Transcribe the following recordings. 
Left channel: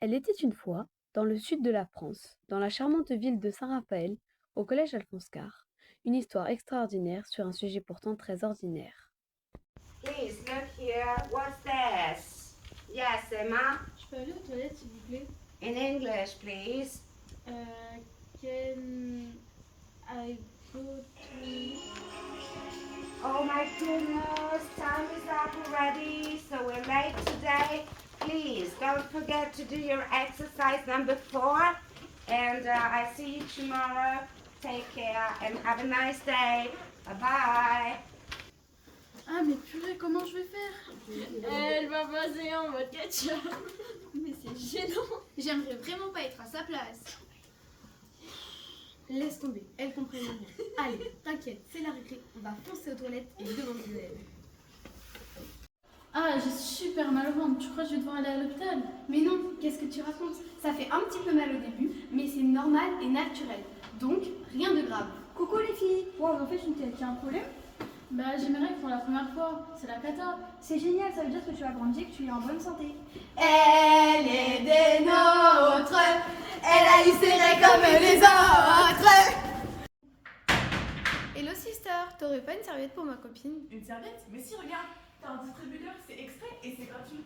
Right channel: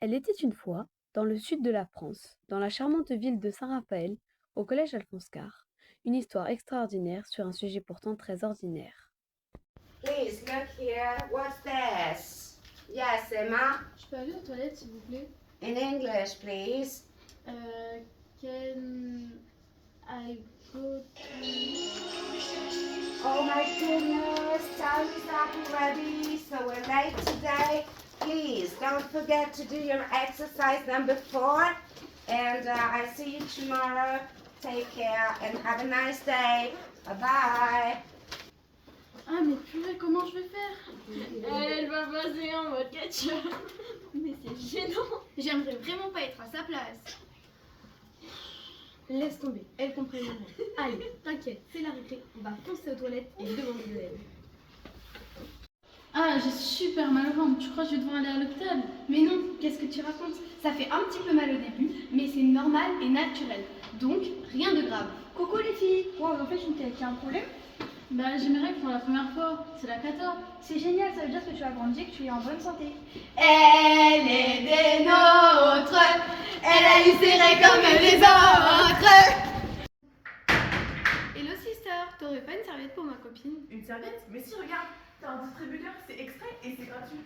Elle était une fois, dans le sud de la France, dans la charmante ville de Saint-Raphaël, au collège Alphonse Karr, une histoire extraordinaire sur un sujet pourtant très ordinaire. Please look here. What's this? Yes, Emma. Je peux aller aux toilettes, s'il vous plaît? In English, please. Can I go to... Oh my goodness, time is up already, so we're late today. Please don't forget to do your exercise number 4. And I see you tomorrow. Take care and have a nice day. Bye-bye. Ah, mais purée, comment je vais faire? Elle va passer en mode ketchup. Mais c'est gênant. J'aimerais vraiment pas être à sa place. Laisse tomber, elle comprend rien. Allez, t'inquiète, c'est la récré, on va foncer aux toilettes et demander de l'aide. Ah, j'ai super mal au ventre. Tu crois que je vais devoir aller à l'hôpital? Mais non, qu'est-ce que tu racontes? Ça fait un petit peu mal au début, mais c'est normal et naturel. Donc, rien de grave. Coucou les filles! Wow, en fait, tu as un problème? Bah, j'ai mes règles pour la première fois. C'est la cata. C'est génial, ça veut dire que tu as grandi et que tu es en bonne santé. Elle est des nôtres, elle a eu ses règles comme les autres. Hello sister, t'aurais pas une serviette pour ma copine? Une serviette? Mais si, regarde, t'as un distributeur, c'est extrait et c'est gratuit.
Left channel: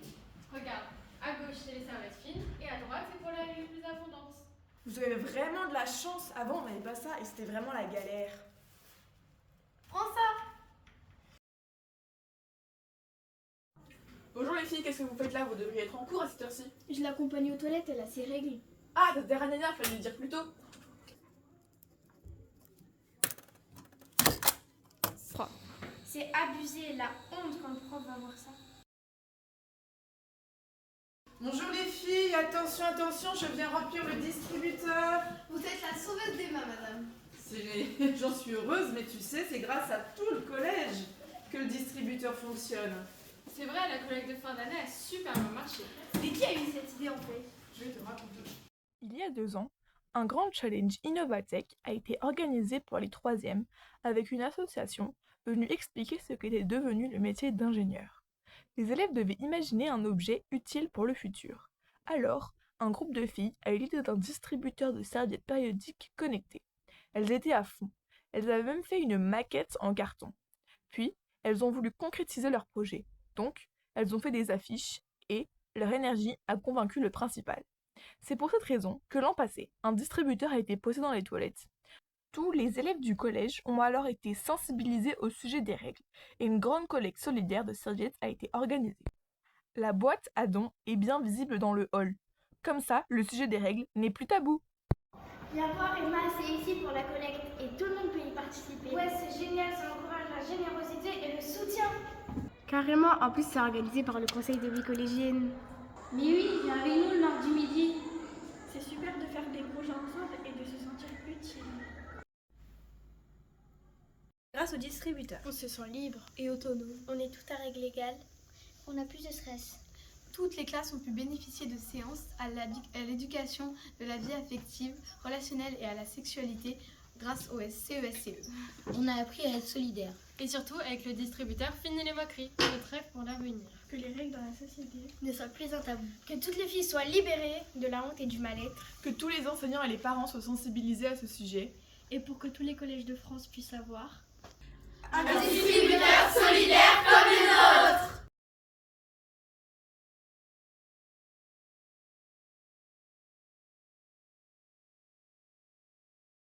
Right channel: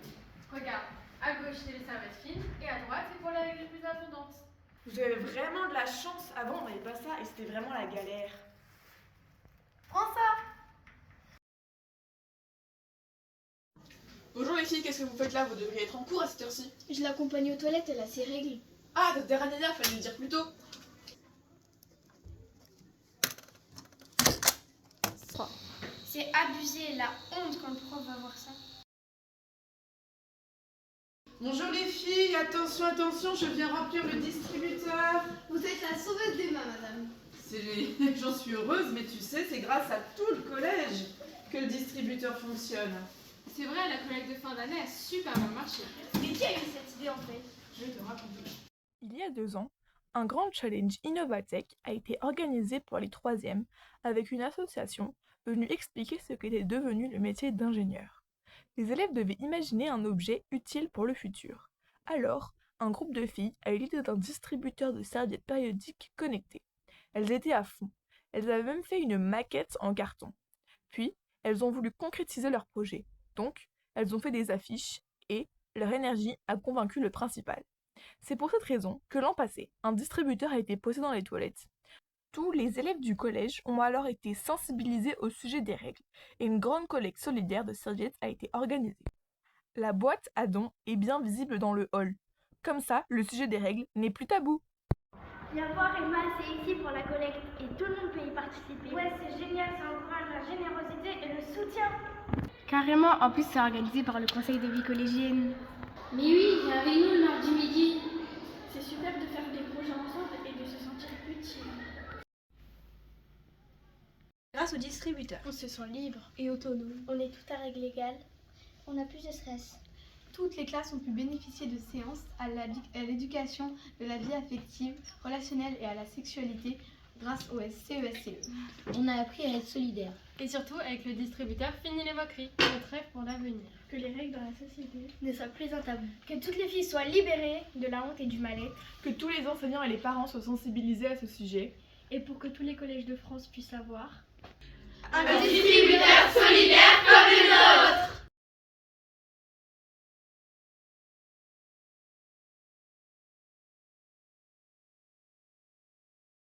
Regarde, à gauche c'est les serviettes fines et à droite c'est pour les règles les plus abondantes. Vous avez vraiment de la chance. Avant, on n'avait pas ça et c'était vraiment la galère. Prends ça. Bonjour les filles, qu'est-ce que vous faites là? Vous devriez être en cours à cette heure-ci. Je l'accompagne aux toilettes, elle a ses règles. Ah, t'as des ranana, fallait le dire plus tôt. C'est abusé, la honte quand le prof va voir ça. Bonjour les filles, attention, attention, je viens remplir le distributeur. Vous êtes la sauveuse d'Emma, madame. J'en suis heureuse, mais tu sais, c'est grâce à tout le collège que le distributeur fonctionne. C'est vrai, la collecte de fin d'année a super bien marché. Mais qui a eu cette idée en fait? Je vais te raconter. Il y a 2 ans, un grand challenge Innovatech a été organisé pour les 3e avec une association venue expliquer ce qu'était devenu le métier d'ingénieur. Les élèves devaient imaginer un objet utile pour le futur. Alors, un groupe de filles a eu l'idée d'un distributeur de serviettes périodiques connectées. Elles étaient à fond. Elles avaient même fait une maquette en carton. Puis, elles ont voulu concrétiser leur projet. Donc, elles ont fait des affiches et leur énergie a convaincu le principal. C'est pour cette raison que l'an passé, un distributeur a été posé dans les toilettes. Tous les élèves du collège ont alors été sensibilisés au sujet des règles et une grande collecte solidaire de serviettes a été organisée. La boîte à dons est bien visible dans le hall. Comme ça, le sujet des règles n'est plus tabou. Viens voir Emma, c'est ici pour la collecte et tout le monde peut y participer. Ouais, c'est génial, ça encourage la générosité et le soutien. Carrément, en plus c'est organisé par le conseil de vie collégienne. Mais oui, viens avec nous le mardi midi. C'est super de faire des projets ensemble et de se sentir utile. Grâce au distributeur, On se sent libre. et autonome, on est tout à règle égale. On a plus de stress. Toutes les classes ont pu bénéficier de séances à l'éducation de la vie affective, relationnelle et à la sexualité grâce au CESCE. On a appris à être solidaire. Et surtout, avec le distributeur, fini les moqueries. Notre rêve pour l'avenir. Que les règles dans la société. Ne soit plus un tabou. Que toutes les filles soient libérées de la honte et du mal-être. Que tous les enseignants et les parents soient sensibilisés à ce sujet. Et pour que tous les collèges de France puissent savoir. Un distributeur solidaire comme les nôtres.